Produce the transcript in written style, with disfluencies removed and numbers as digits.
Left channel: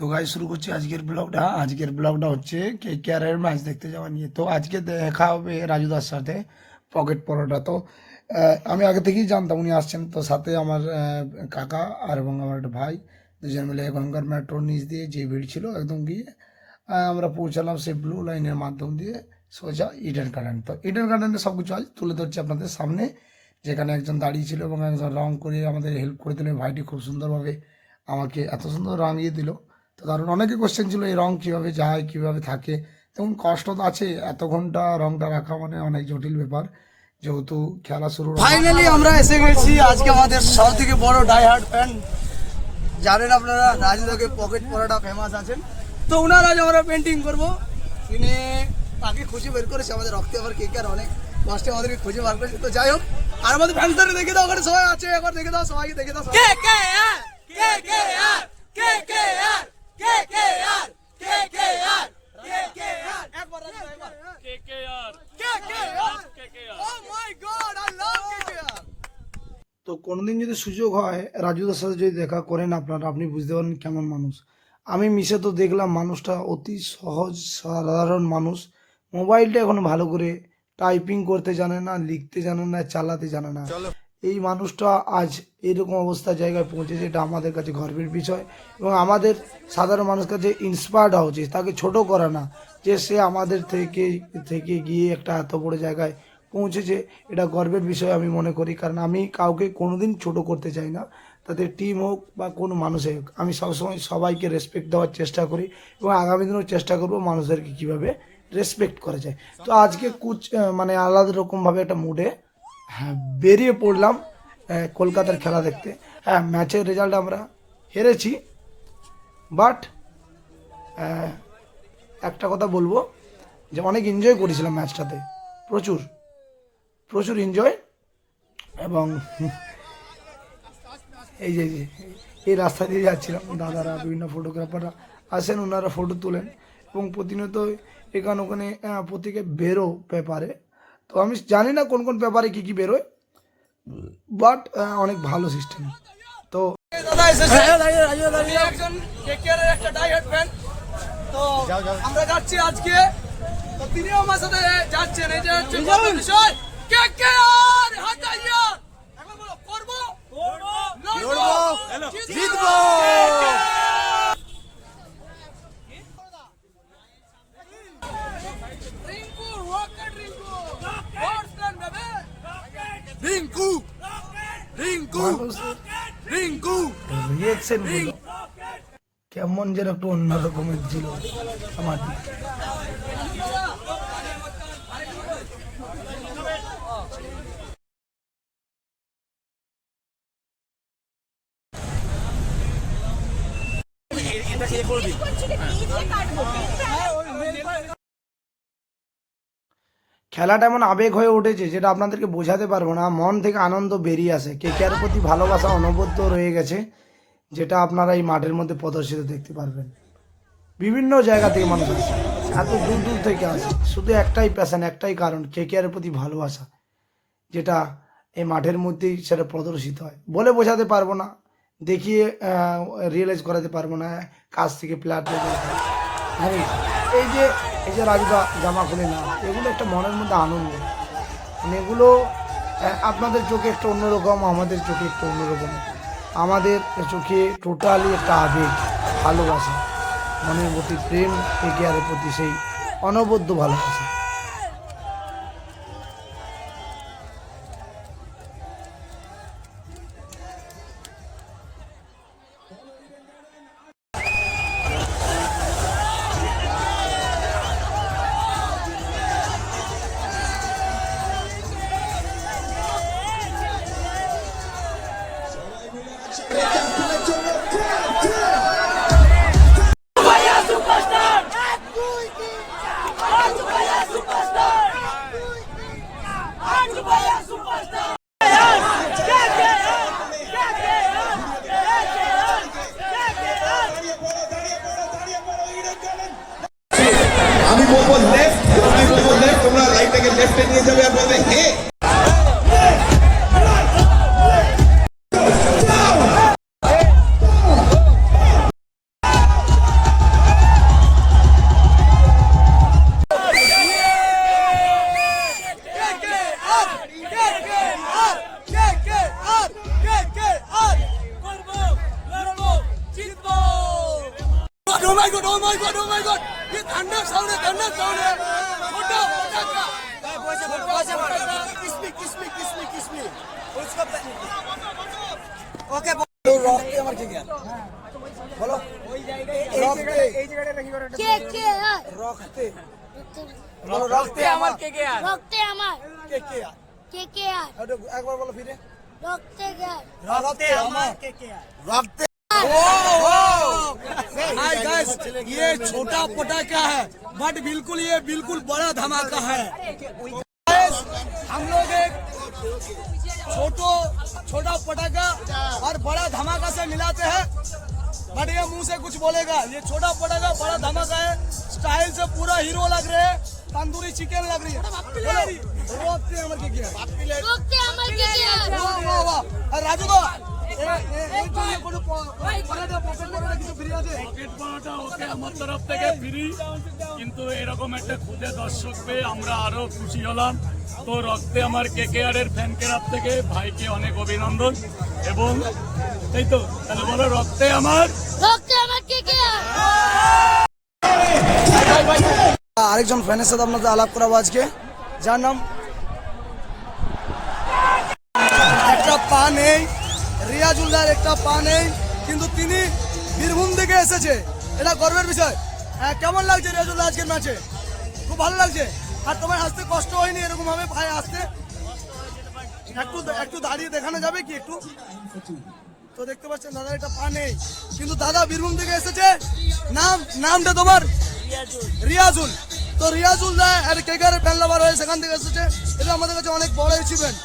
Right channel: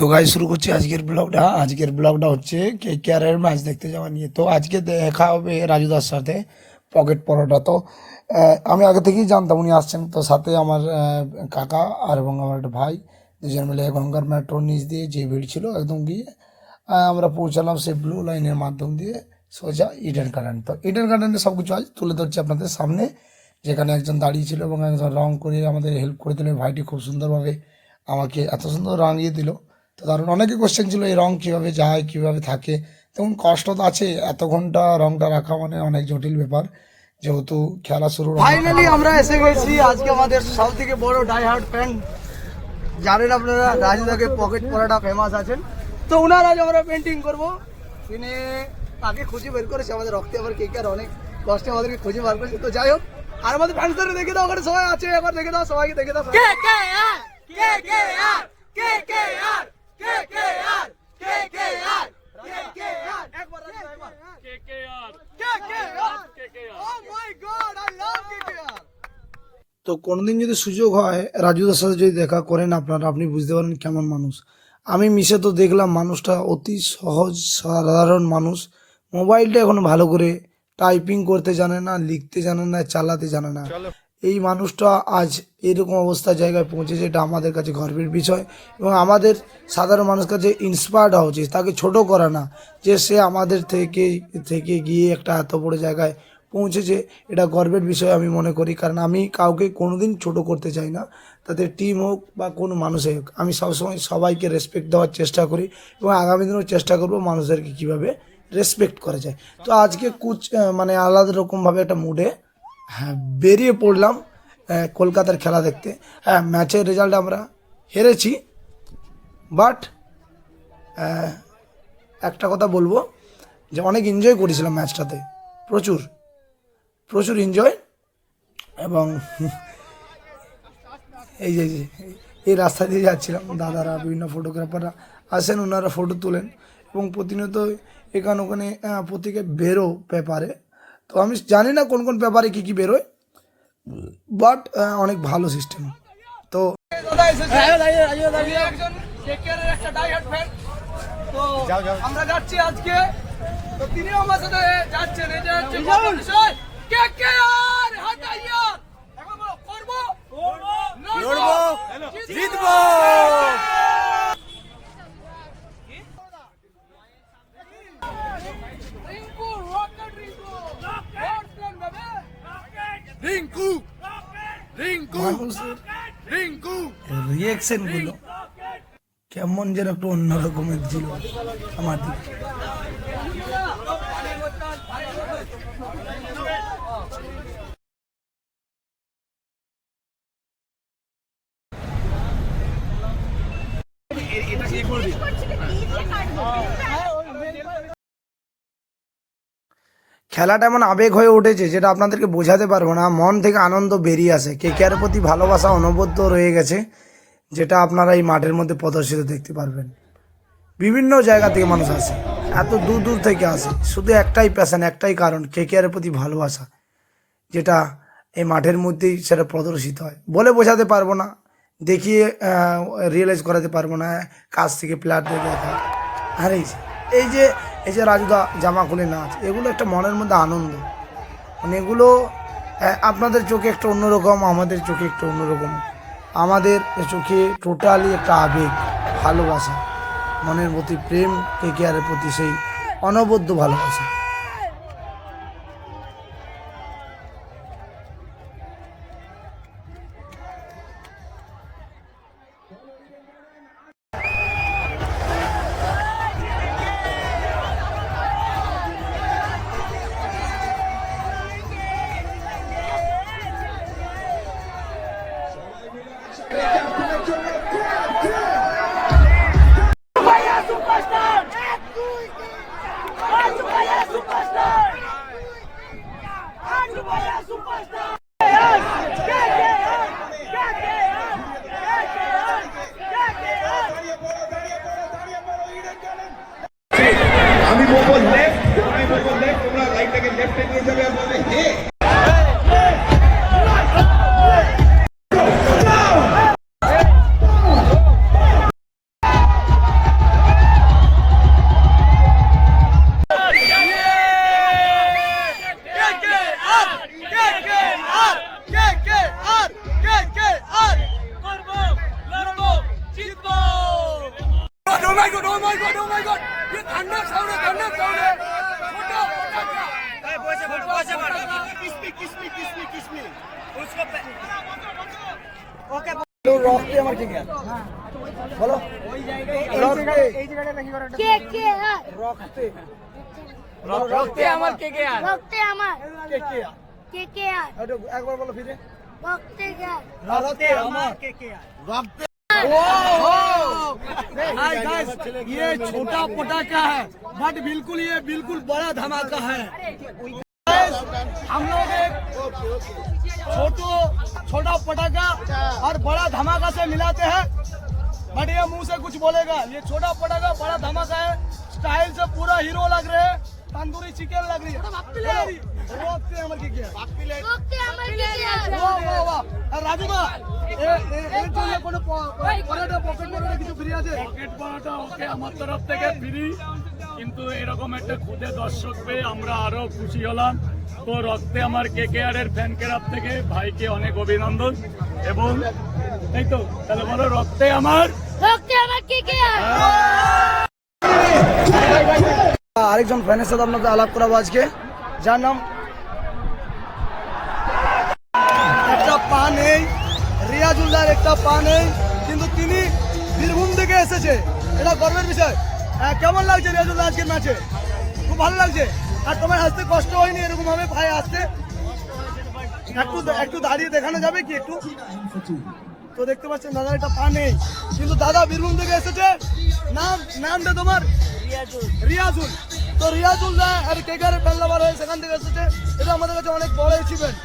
তো গাইস শুরু করছি আজকের ব্লগটা হচ্ছে কেকেআরের ম্যাচ দেখতে যাওয়া নিয়ে। তো আজকে দেখা হবে রাজুদার সাথে পকেট পরোটা। তো আমি আগে থেকেই জানতাম উনি আসছেন। তো সাথে আমার কাকা আর এবং আমার একটা ভাই দুজন মিলে এখনকার মেট্রোর নিচ দিয়ে যে ভিড় ছিল একদম গিয়ে আমরা পৌঁছালাম সেই ব্লু লাইনের মাধ্যম দিয়ে সোজা ইডেন গার্ডেন। তো ইডেন গার্ডেনে সব কিছু আজ তুলে ধরছি আপনাদের সামনে, যেখানে একজন দাঁড়িয়ে ছিল এবং একজন রং করে আমাদের হেল্প করে দিল। ভাইটি খুব সুন্দরভাবে আমাকে এত সুন্দর রাঙিয়ে দিল। তো কারণ অনেকে কোশ্চেন ছিল এই রং কীভাবে যায় কীভাবে থাকে, তেমন কষ্ট তো আছে, এত ঘন্টা রংটা রাখা মানে অনেক জটিল ব্যাপার, যেহেতু খেলা শুরু। ফাইনালি আমরা এসে গেছি আজকে আমাদের সব থেকে বড় ডাই হার্ড ফ্যান। জানেন আপনারা রাজুদাকে পকেট পরোটা ফেমাস আছেন, তো ওনার আজ আমরা পেন্টিং করবো। শুনে তাকে খুঁজে বের করেছে আমাদের রক্তে, আবার কে কে অনেক কষ্টে আমাদেরকে খুঁজে বার করেছে। তো যাই হোক, আর আমাদের ফ্যান্সদের দেখে দাও, ওখানে সবাই আছে, এবার দেখে দাও, সবাইকে দেখে দাও। কে কে আর কে কে আর কে কে আর কে কে আর কে কে আর কে কে আর একবার একবার কে কে আর কে কে আর কে কে আর। ও মাই গড, আই লাভ কে কে আর। তো কোনোদিন যদি সুযোগ হয় রাজুদার সাথে যদি দেখা করেন আপনারা, আপনি বুঝতে পারেন কেমন মানুষ। আমি মিশে তো দেখলাম মানুষটা অতি সহজ সাধারণ মানুষ। মোবাইলটা এখন ভালো করে টাইপিং করতে জানে না, লিখতে জানে না, চালাতে জানে না। এই মানুষটা আজ এরকম অবস্থা জায়গায় পৌঁছেছে, এটা আমাদের কাছে গর্বের বিষয় এবং আমাদের সাধারণ মানুষের কাছে ইন্সপায়ার্ড হওয়া উচিত, তাকে ছোট করা না। যে সে আমাদের থেকে গিয়ে একটা এত বড় জায়গায় পৌঁছেছে, এটা গর্বের বিষয় আমি মনে করি। কারণ আমি কাউকে কোনোদিন ছোট করতে চাই না, তাদের টিম হোক বা কোনো মানুষে হোক। আমি সবসময় সবাইকে রেসপেক্ট দেওয়ার চেষ্টা করি এবং আগামী দিনেও চেষ্টা করব মানুষদেরকে কীভাবে রেসপেক্ট করা যায়। তো আজকে মানে আলাদা রকমভাবে একটা মুডে বেরিয়ে পড়লাম কলকাতার খেলা দেখতে। হ্যাঁ, ম্যাচের রেজাল্ট আমরা হেরেছি, বাট একটা কথা বলবো যে অনেক এনজয় করেছিলাম ম্যাচটাতে, প্রচুর এনজয়। এবং এই যে এই রাস্তা দিয়ে যাচ্ছিলাম, দাদারা বিভিন্ন ফটোগ্রাফাররা আসেন, ওনারা ফটো তোলেন এবং প্রতিনিয়ত এখানে ওখানে প্রত্যেকে বেরো পেপারে। তো আমি জানি না কোন কোন পেপারে কী কী বেরোয়, বাট অনেক ভালো সিস্টেম। তো দাদা এসেছে, একজন কেকেআর এর একটা ডাই হার্ড ফ্যান। তো আমরা যাচ্ছি আজকে, তো তিনিও আমার সাথে যাচ্ছেন। এটা হচ্ছে বড় বিষয়। কেকেআর হাতাইয়া এখন বলো, করবো লড়বো জিতবো। রিঙ্কু রকেট রিঙ্কু রিঙ্কু রিঙ্কু রিঙ্কু রিয়েকশনগুলো কেমন যেন একটু অন্যরকমের ছিল আমার দিকে। খেলাটা এমন আবেগ হয়ে উঠেছে যেটা আপনাদেরকে বোঝাতে পারবো না। মন থেকে আনন্দ বেরিয়ে আসে, কেকেআর প্রতি ভালোবাসা অনবদ্য রয়ে গেছে, যেটা আপনারা এই মাঠের মধ্যে প্রদর্শিত দেখতে পারবেন। বিভিন্ন জায়গা থেকে মানুষ আসে, এত দূর দূর থেকে আসে, শুধু একটাই প্যাশন, একটাই কারণ, কেকেআরের প্রতি ভালোবাসা, যেটা এই মাঠের মধ্যেই সেটা প্রদর্শিত হয়। বলে বোঝাতে পারবো না, দেখিয়ে রিয়েলাইজ করাতে পারবো না। কাছ থেকে প্লেয়ারদের দেখা, হ্যাঁ এই যে রাজুদা জামা খুলে নাচ, এগুলো একটা মনের মধ্যে আনন্দ। মানে এগুলো আপনাদের চোখে একটা অন্যরকম, আমাদের চোখে একটা অন্যরকম। আমাদের চোখে টোটালি একটা আবেগ, ভালোবাসা, মনের প্রতি প্রেম, কেকেআরের প্রতি সেই অনবদ্য ভালোবাসা। Oh my god, oh my god, oh my god! ये thunder sound है, thunder sound है। छोटा पटाखा। किस में? उसको ओके तो रखते আমার কি জ্ঞান বলো রখতে কে কে আর রখতে রক্তে আমার কে কে আর রক্তে আমার কে কে কে কে আর একবার বলো ফিরে রক্তে কে रखते আমার কে কে रखते हाय गाइस ये छोटा पटाखा है बट बिल्कुल ये बिल्कुल बड़ा धमाका है Guys, हम लोग एक छोटा पटाखा और बड़ा धमाका से मिलाते हैं बट ये मुंह से कुछ बोलेगा ये छोटा पटाखा बड़ा धमाका है स्टाइल से पूरा हीरो लग रहे हैं तंदूरी चिकन लग रही है रोकते हैं हमारे क्या রক্তে আমার কে কে আর वाह वाह वाह और राजू दा এই জন্য কোনো পরাটা পকেট পরাটা কিছু ফ্রি আছে পকেট পড়াটা ওকে আমার তরফ থেকে ফ্রি, কিন্তু এরকম একটা খুদে দর্শক পেয়ে আমরা আরো খুশি হলাম। তো রক্তে আমার কেকেআর এর ফ্যান ক্লাব থেকে ভাইকে অনেক অভিনন্দন এবং এই তো তাহলে বলো রক্তে আমার কে কে আর আরেকজন ফ্যানের সাথে আপনাদের আলাপ করাবো আজকে যার নাম একটা পা নেই রিয়াজুল্লাহর একটা পা নেই কিন্তু তিনি বীরভূম থেকে এসেছে এটা গর্বের বিষয় কেমন লাগছে রিয়াজুল্লাহ আজকের ম্যাচে খুব ভালো লাগছে আর তোমার আসতে কষ্ট হয়নি এরকম ভাবে ভাই আসতে একটু দাঁড়িয়ে দেখানো যাবে কি একটু তো দেখতে পাচ্ছেন দাদার একটা পা নেই কিন্তু দাদা বীরভূম থেকে এসেছে নামটা তোমার রিয়াজুল তো রিয়াজুল আর কেকেআর ফ্যান লাভার হয়ে সেখান থেকে এসেছে এটা আমাদের কাছে অনেক বড় অ্যাচিভমেন্ট